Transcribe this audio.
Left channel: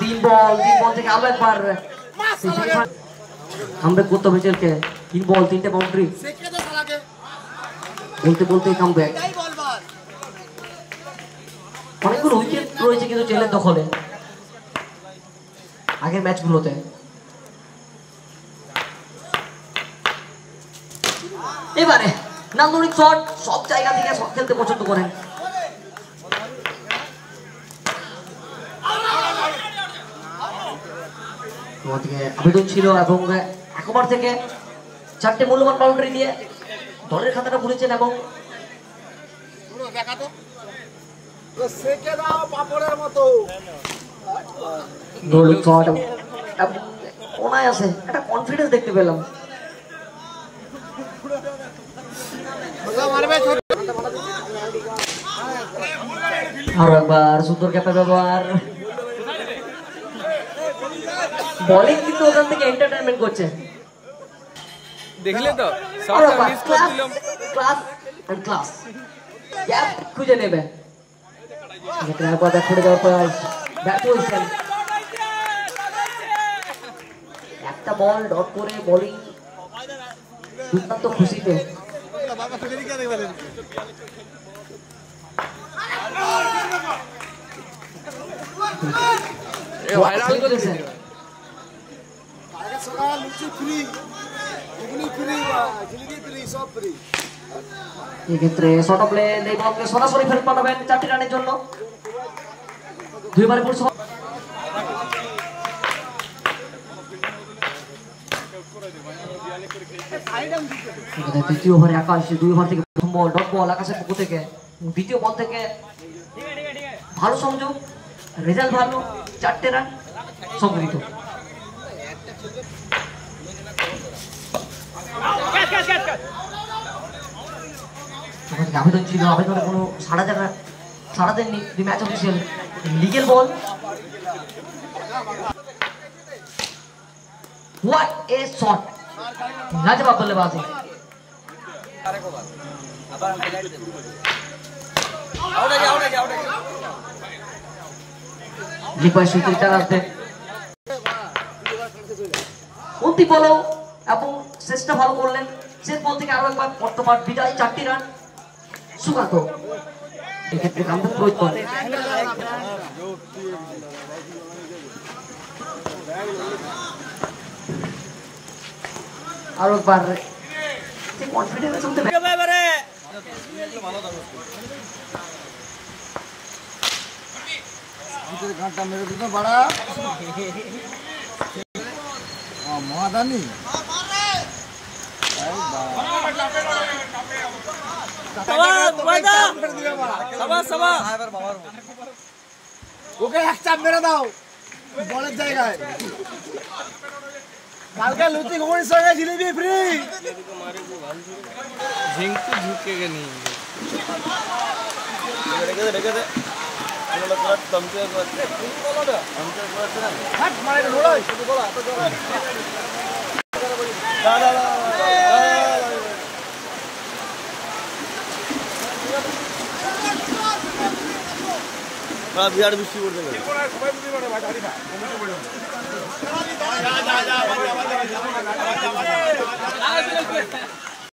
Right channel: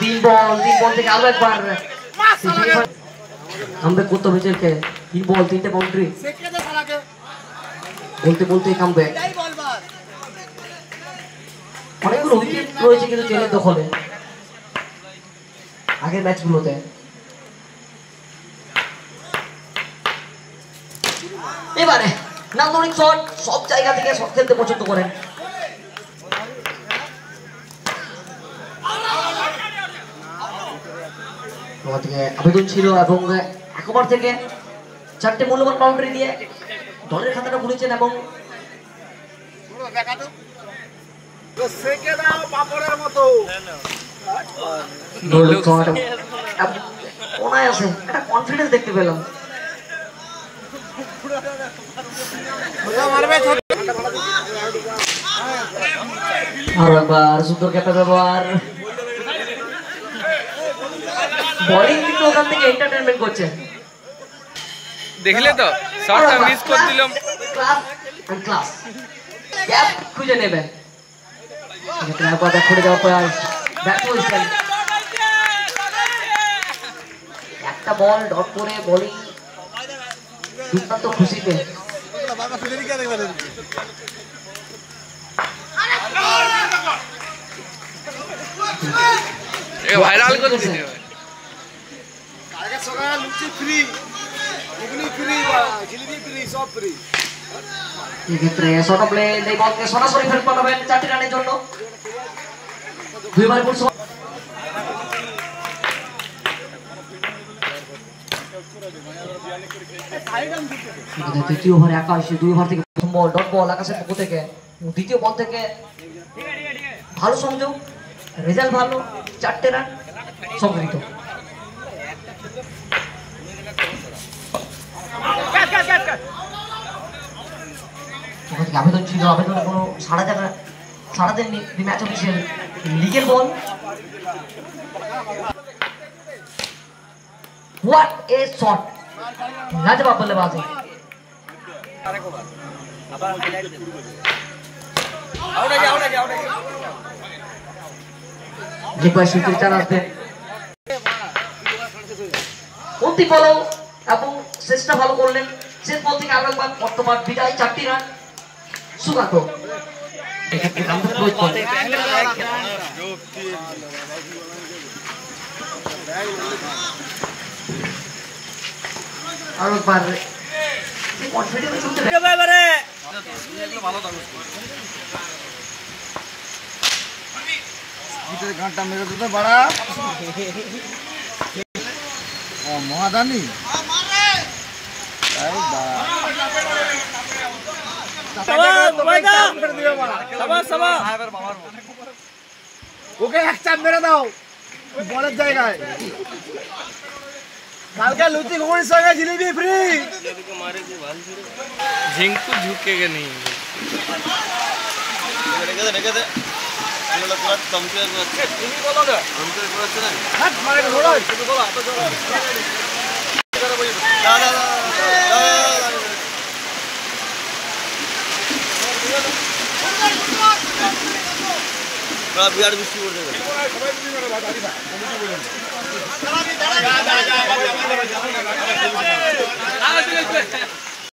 তিন বল থেকে আরো একবার কামব্যাক করতে হবে চেলকে। 3 বল 3টে বাউন্ডারি বলতে কামব্যাক। অনেকগুলো উইকেট রয়েছে কিন্তু চেলের দখলে আগের ম্যাচগুলোতে। এবারে নান্দনিক শট, সব জায়গা থেকে শট খেলতে পছন্দ করেন। আবেদন ছিল এবং এক ওভার থেকে 4টে মূল্যবান বাউন্ডারি দিয়ে দলের খাতাটা খুলেছেন এবং একটা কনফিডেন্স দেখতে পেলাম। আর একবার সুন্দর ক্যাপের ব্যবহার, বোলিং কিন্তু ওখান থেকে এন্টারটেইনমেন্ট করছে। দেখলে তো শটটা মিস করে দিলাম। ক্লাস গ্যাপ খুঁজে নেবে। এটা কথা ছুটে যাওয়ার পর ব্যাট পজিশন, একটা বল ডট করে বোলিং দুর্দান্ত খুশিতে। ভাইরাল করে দিতে হবে। কালকে সকাল লুচি ফ্রি, ঘুগনি ফ্রি, জিলিপি ফ্রি, সব ফ্রি। এক্ষেত্রে শর্ট প্লে এই বলকে সরাসরি ফেরত পাঠাবেন 4টি রানের জন্য। দুইবার পুরো দ্বিতীয় ওভারে আকাশ 2 ওভার থেকে প্রথম বল ডট বল আকাশের পক্ষ থেকে। দ্বিতীয় বল থেকে ভালো সংযোগ, রেজাল্ট ভালো, 4টে রান সংগৃহীত। আবেদন ছিল, আবেদনে কোনো সাড়া দেননি match official. Legal ball, what a shot, লাজবাব বল্লেবাজি। অন্তিম বল এবং শেষটা ভালো করলেন। শেষ বল থেকে আরো একবার বর্তমান বিদায়, 4টি রান সুগাত। আরো একবার কনফিডেন্স চলতে ঘন্টা মেরে দিতে বাড়া মহাদানি। ওকে এক চাপ মেরে দাও বলের জায়গায়। কালকে লুচি ঘুগনির সঙ্গে জিলিপি ফ্রি। ঝিঙ্কু ঝুঁকেগে নেই। বিরাট বৃষ্টি করতে হবে।